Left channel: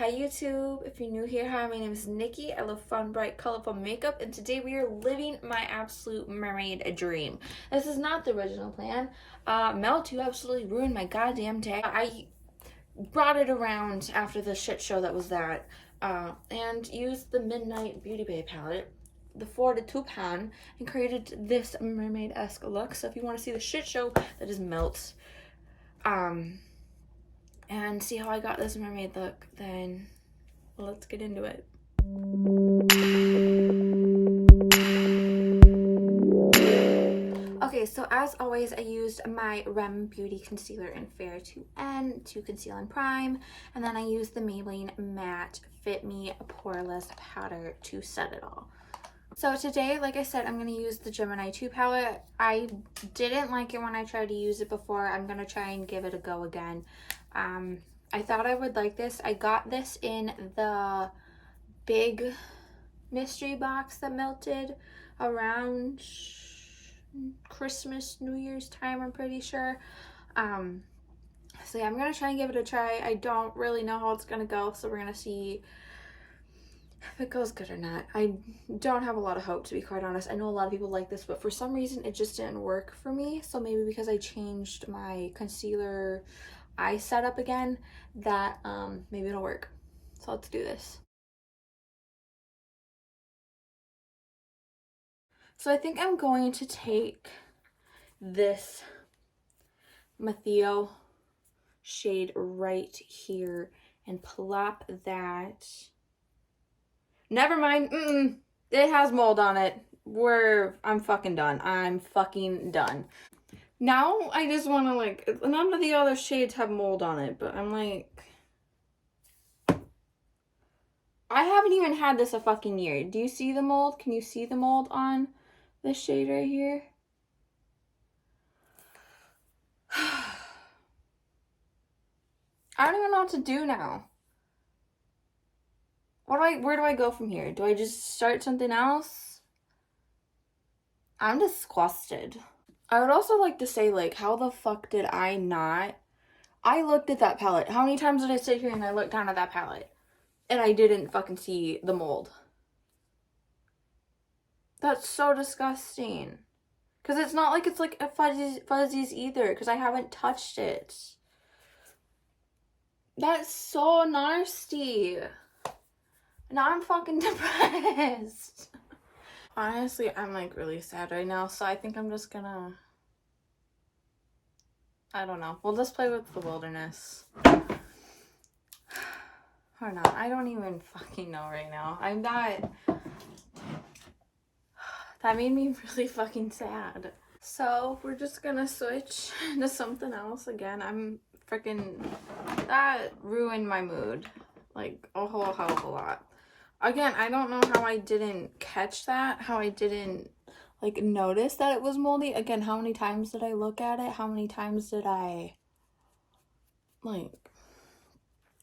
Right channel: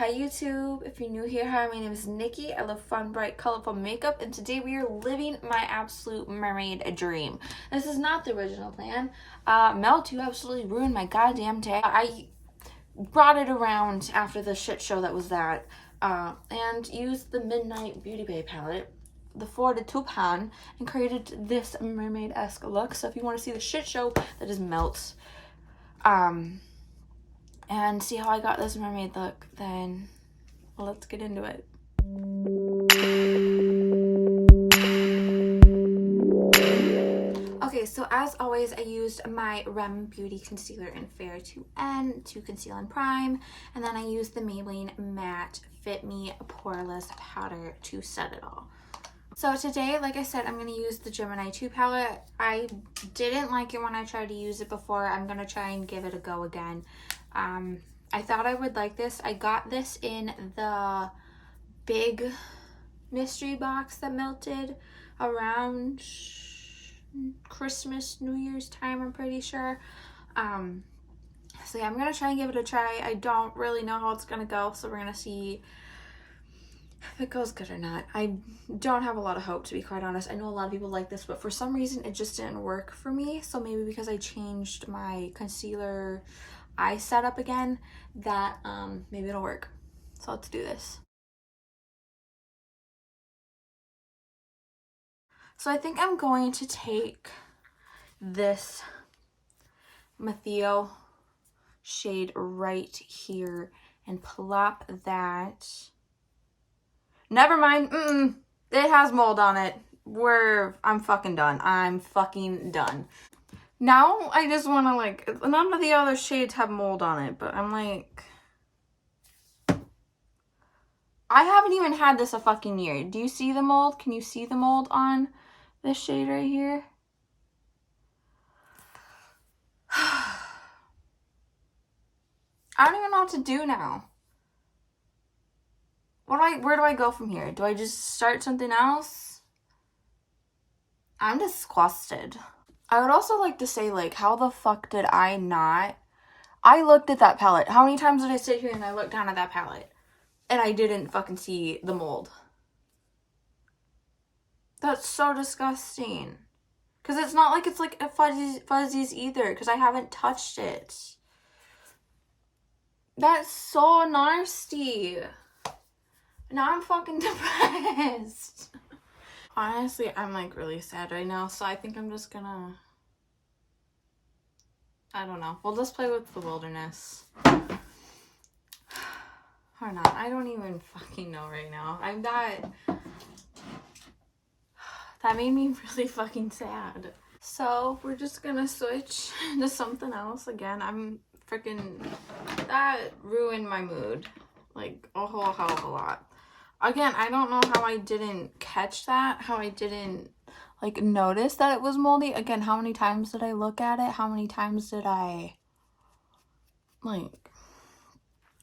Hi YouTube, if you're new here, hi, my name is Nikki. I love fun, bright, colorful makeup, and today we are living my absolute mermaid dream. This is not the original plan. Melt, you absolutely ruined my goddamn day. I brought it around after the shit show that was that, and used the Midnight Beauty Bay palette, the 4 to 2 pan, and created this mermaid-esque look. So if you want to see the shit show, that is Melt. And see how I got this mermaid look, then let's get into it. Okay, so as always, I used my Rem Beauty Concealer in Fair to N to conceal and prime, and then I used the Maybelline Matte Fit Me Poreless Powder to set it all. So today, like I said, I'm going to use the Gemini 2 palette. I didn't like it when I tried to use it before. I'm going to try and give it a go again. I thought I would like this. I got this in the big mystery box that melted around Christmas, New Year's time, I'm pretty sure. So yeah, I'm going to try and give it a try. I don't really know how it's going to go, so we're going to see if it goes good or not. I don't have a lot of hope, to be quite honest. I know a lot of people like this, but for some reason it just didn't work for me. So maybe because I changed my concealer eye setup again, that maybe it'll work. So let's do this. So I think I'm going to take this Matheo shade right here and plop that. Never mind. It has mold on it. I'm fucking done. I'm fucking done. Now I just want to, like, none of the other shades have mold on it, but I'm like, I haven't even had this a fucking year. Do you see the mold? Can you see the mold on this shade right here? I don't even know what to do now. Where do I go from here? Do I just start something else? I'm disgusted. I would also like to say, like, how the fuck did I not? I looked at that palette. How many times did I sit here and I looked down at that palette? And I didn't fucking see the mold. That's so disgusting. Because it's not like it's like a fuzzies either, because I haven't touched it. That's so nasty. Now I'm fucking depressed. Honestly, I'm like really sad right now, so I think I'm just gonna, I don't know. We'll just play with the wilderness. Or not. I don't even fucking know right now. I'm not. That made me really fucking sad. So we're just gonna switch to something else again. I'm freaking, that ruined my mood like a whole hell of a lot. Again, I don't know how I didn't catch that, how I didn't like notice that it was moldy. Again, how many times did I look at it? How many times did I, like,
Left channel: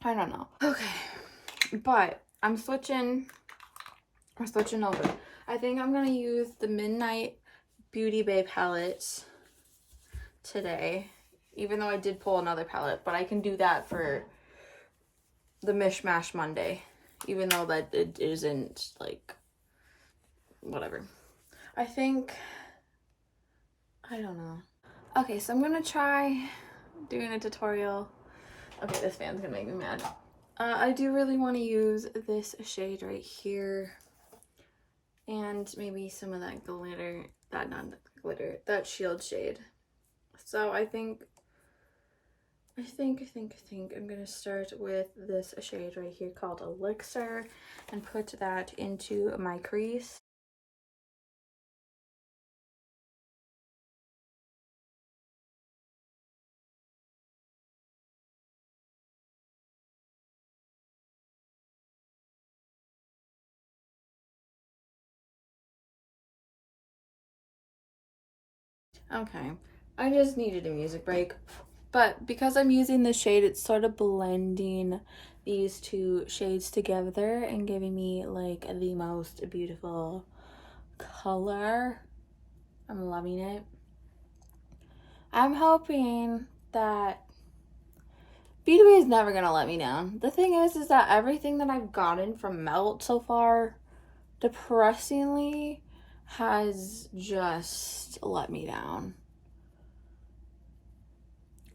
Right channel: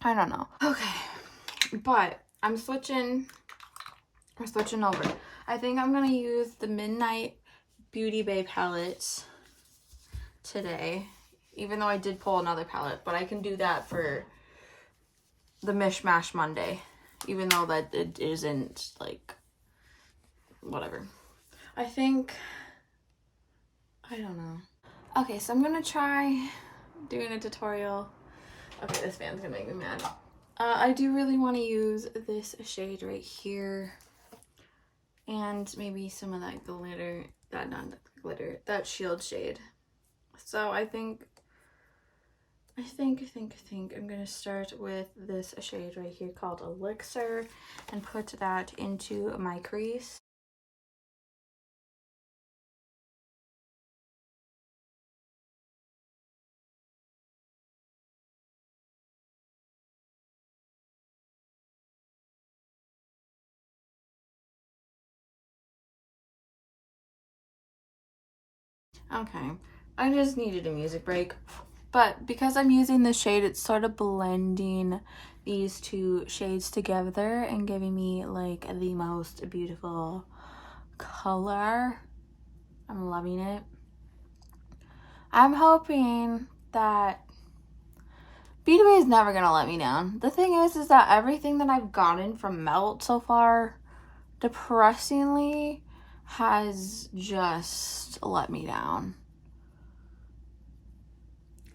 I don't know. Okay, but we're switching over. I think I'm gonna use the Midnight Beauty Bay palette today, even though I did pull another palette, but I can do that for the Mishmash Monday, even though that it isn't, like, whatever. I think, I don't know. Okay, so I'm gonna try doing a tutorial. Okay, this fan's gonna make me mad. I do really want to use this shade right here, and maybe some of that glitter, that shield shade. So I think I'm gonna start with this shade right here called Elixir and put that into my crease. Okay, I just needed a music break, but because I'm using this shade, it's sort of blending these two shades together and giving me like the most beautiful color. I'm loving it. I'm hoping that B2B is never gonna let me down. The thing is that everything that I've gotten from Melt so far, depressingly, has just let me down.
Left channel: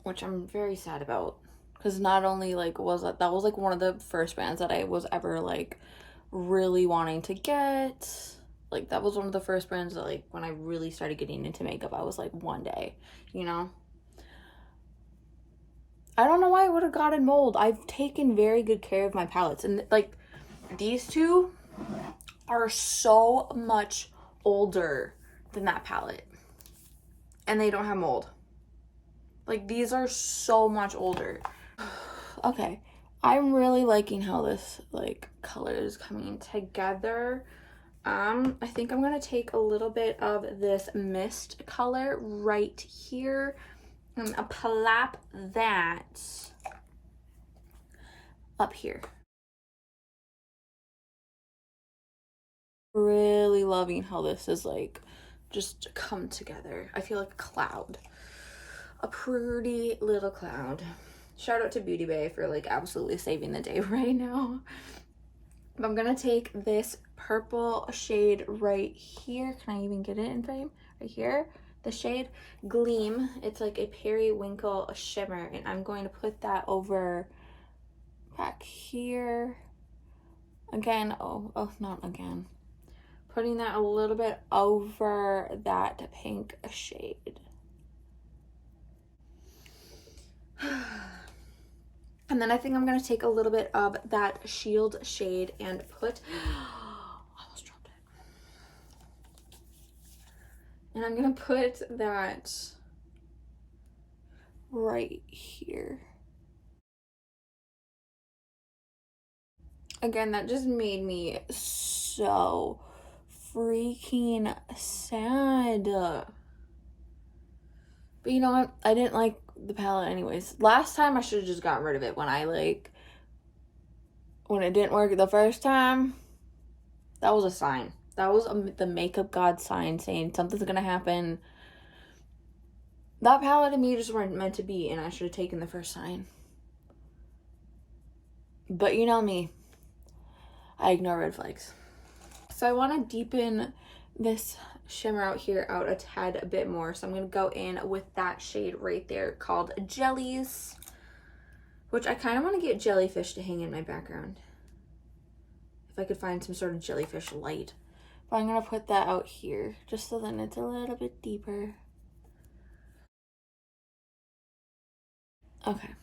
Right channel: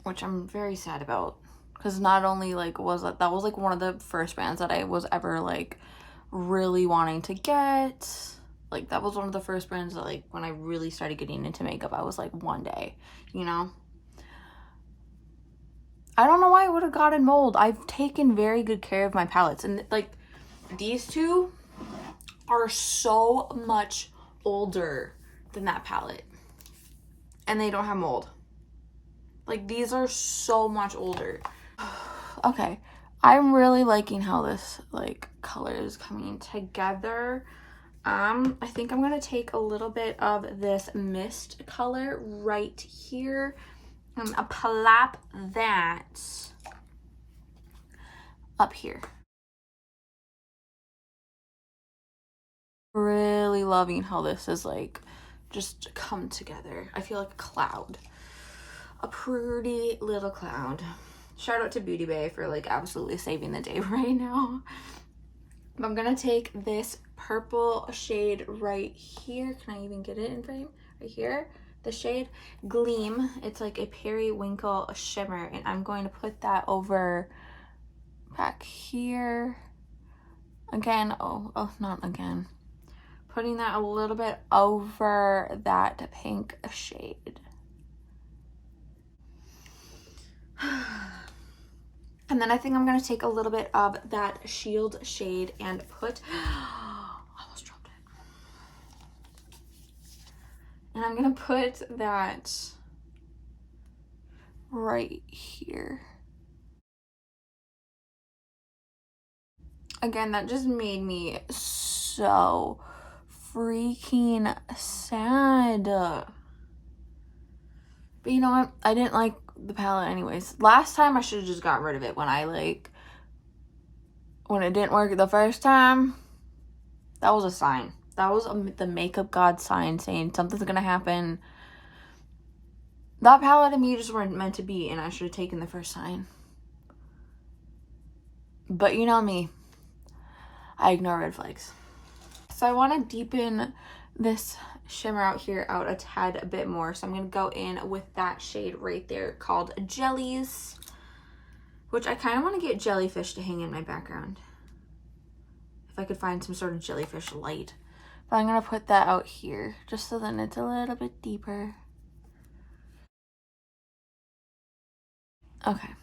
Which I'm very sad about. Because not only, like, was that was, like, one of the first brands that I was ever, like, really wanting to get. Like, that was one of the first brands that, like, when I really started getting into makeup, I was like, one day, you know? I don't know why I would have gotten mold. I've taken very good care of my palettes. And, like, these two are so much older than that palette. And they don't have mold. Like, these are so much older. Okay. I'm really liking how this, like, color is coming together. I think I'm going to take a little bit of this mist color right here and plop that up here. Really loving how this is, like, just come together. I feel like a cloud. A pretty little cloud. Shout out to Beauty Bay for, like, absolutely saving the day right now. I'm gonna take this purple shade right here. Can I even get it in frame? Right here. The shade Gleam. It's like a periwinkle shimmer. And I'm going to put that over back here. Again. Oh, not again. Putting that a little bit over that pink shade. And then I think I'm going to take a little bit of that Shield shade and put, almost dropped it. And I'm going to put that right here. Again, that just made me so freaking sad. But you know what? I didn't like the palette anyways. Last time I should have just gotten rid of it when it didn't work the first time. That was a sign. That was the makeup god sign saying something's gonna happen. That palette and me just weren't meant to be, and I should have taken the first sign. But you know me. I ignore red flags. So I want to deepen this shimmer out here out a tad a bit more. So I'm going to go in with that shade right there called Jellies. Which I kind of want to get jellyfish to hang in my background. If I could find some sort of jellyfish light. But I'm going to put that out here. Just so then it's a little bit deeper. Okay.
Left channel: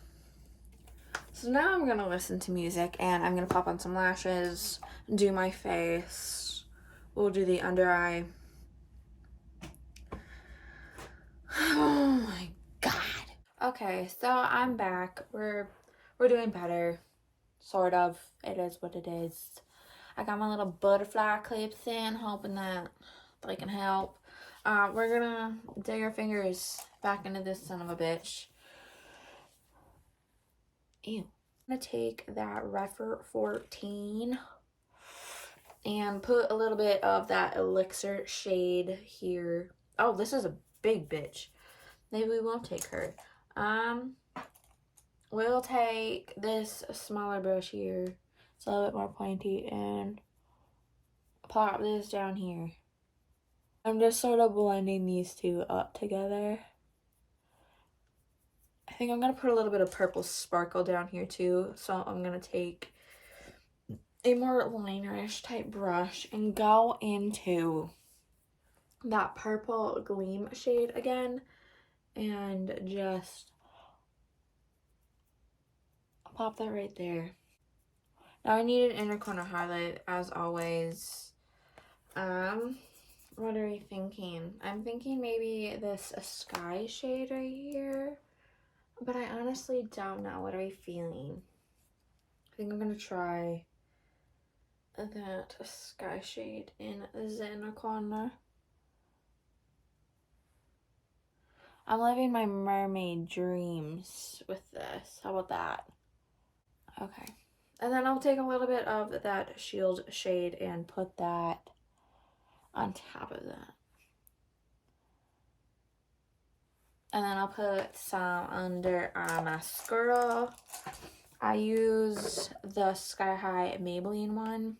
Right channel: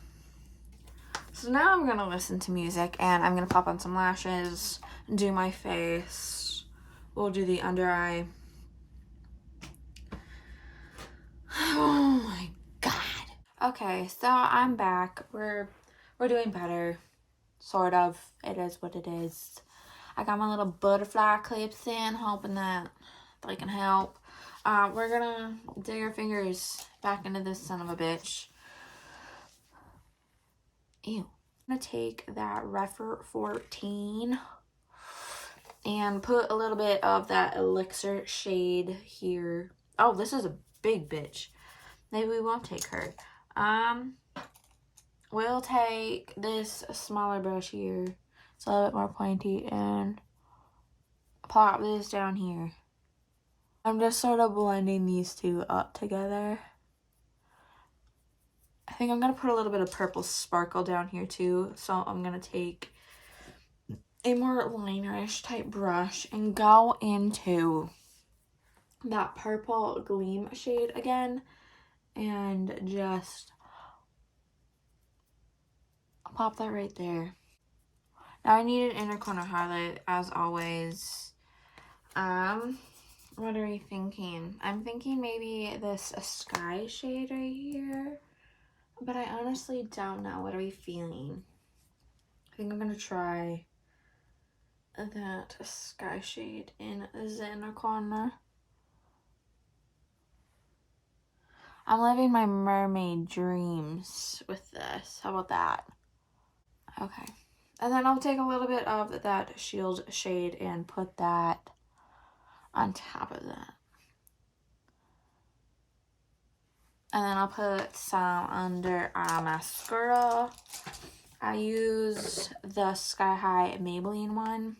So now I'm going to listen to music. And I'm going to pop on some lashes. Do my face. We'll do the under eye. Oh my god. Okay, so I'm back. We're doing better. Sort of. It is what it is. I got my little butterfly clips in, hoping that they can help. We're gonna dig our fingers back into this son of a bitch. Ew. I'm gonna take that Refer 14 and put a little bit of that Elixir shade here. Oh, this is a big bitch. Maybe we won't take her. We'll take this smaller brush here. It's a little bit more pointy and plop this down here. I'm just sort of blending these two up together. I think I'm going to put a little bit of purple sparkle down here too. So I'm going to take a more linerish type brush and go into that purple Gleam shade again and just pop that right there. Now I need an inner corner highlight as always. What are we thinking? I'm thinking maybe this sky shade right here, but I honestly don't know. What are we feeling? I think I'm gonna try that sky shade in the inner corner. I'm living my mermaid dreams with this. How about that? Okay. And then I'll take a little bit of that Shield shade and put that on top of that. And then I'll put some under mascara. I use the Sky High Maybelline one.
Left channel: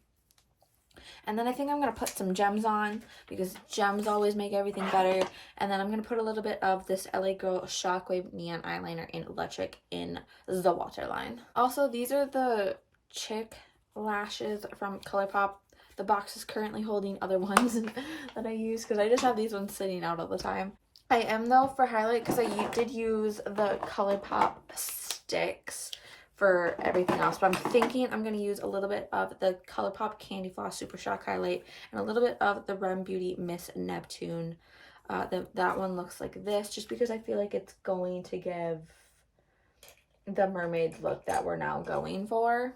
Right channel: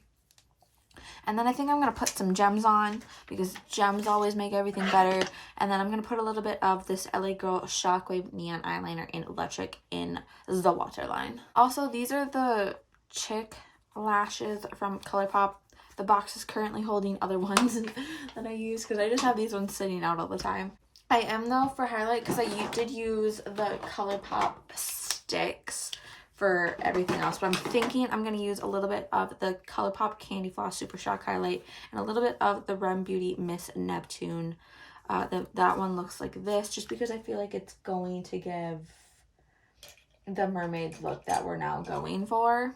And then I think I'm going to put some gems on because gems always make everything better. And then I'm going to put a little bit of this LA Girl Shockwave Neon Eyeliner in Electric in the waterline. Also, these are the Chick lashes from ColourPop. The box is currently holding other ones that I use because I just have these ones sitting out all the time. I am, though, for highlight because I did use the ColourPop sticks for everything else, but I'm thinking I'm going to use a little bit of the ColourPop Candy Floss Super Shock Highlight and a little bit of the Rem Beauty Miss Neptune. That one looks like this just because I feel like it's going to give the Mermaids look that we're now going for.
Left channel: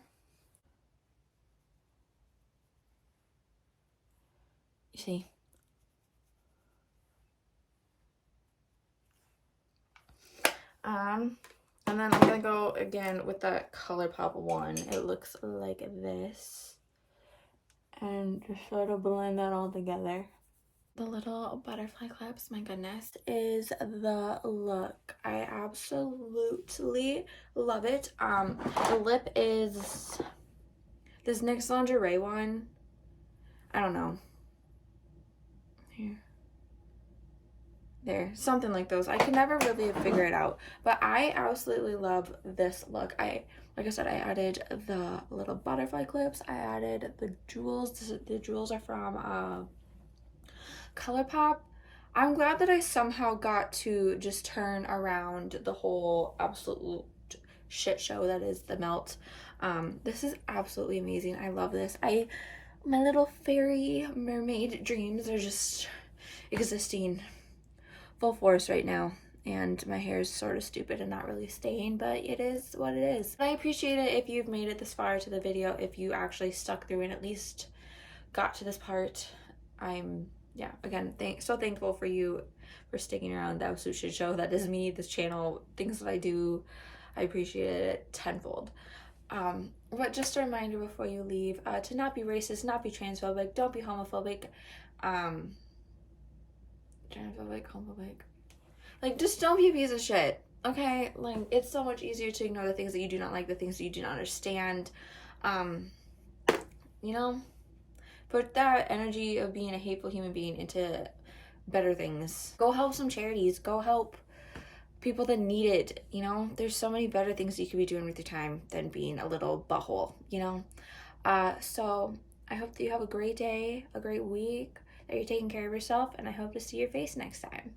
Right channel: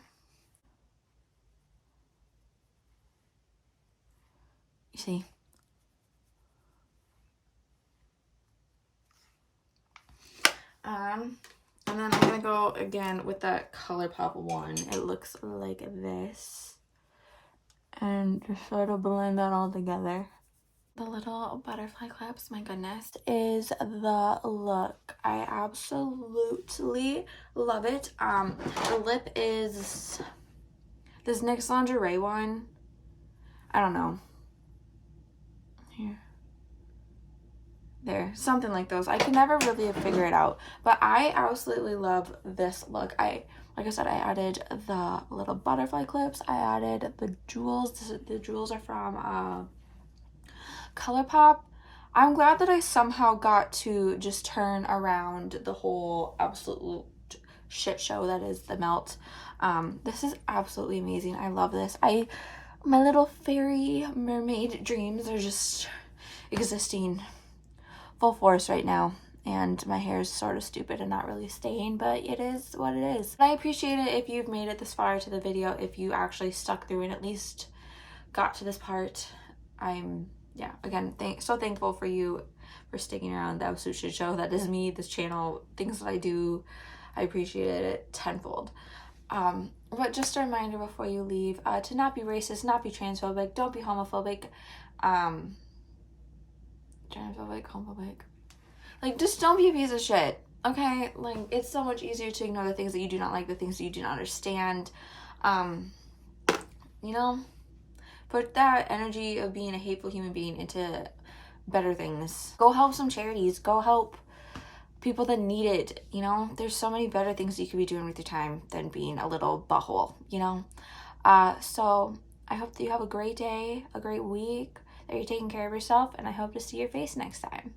You see? And then I'm going to go again with that ColourPop one. It looks like this. And just sort of blend that all together. The little butterfly clips, my goodness, is the look. I absolutely love it. The lip is this NYX Lingerie one. I don't know. Here. There, something like those. I can never really figure it out, but I absolutely love this look. Like I said, I added the little butterfly clips. I added the jewels. The jewels are from ColourPop. I'm glad that I somehow got to just turn around the whole absolute shit show that is the melt. This is absolutely amazing. I love this. My little fairy mermaid dreams are just existing full force right now, and my hair is sort of stupid and not really staying, but it is what it is. I appreciate it if you've made it this far to the video, if you actually stuck through and at least got to this part. I'm again so thankful for you for sticking around. The absolute shit show that is me, this channel, things that I do. I appreciate it tenfold. But just a reminder before you leave, to not be racist, not be transphobic, don't be homophobic, transphobic, homophobic. Like, just don't be a piece of shit, okay? Like, it's so much easier to ignore the things that you do not like, the things that you do not understand. You know, put that energy of being a hateful human being into better things. Go help some charities. Go help people that need it, you know? There's so many better things you could be doing with your time than being a little butthole, you know? So I hope that you have a great day, a great week, that you're taking care of yourself, and I hope to see your face next time.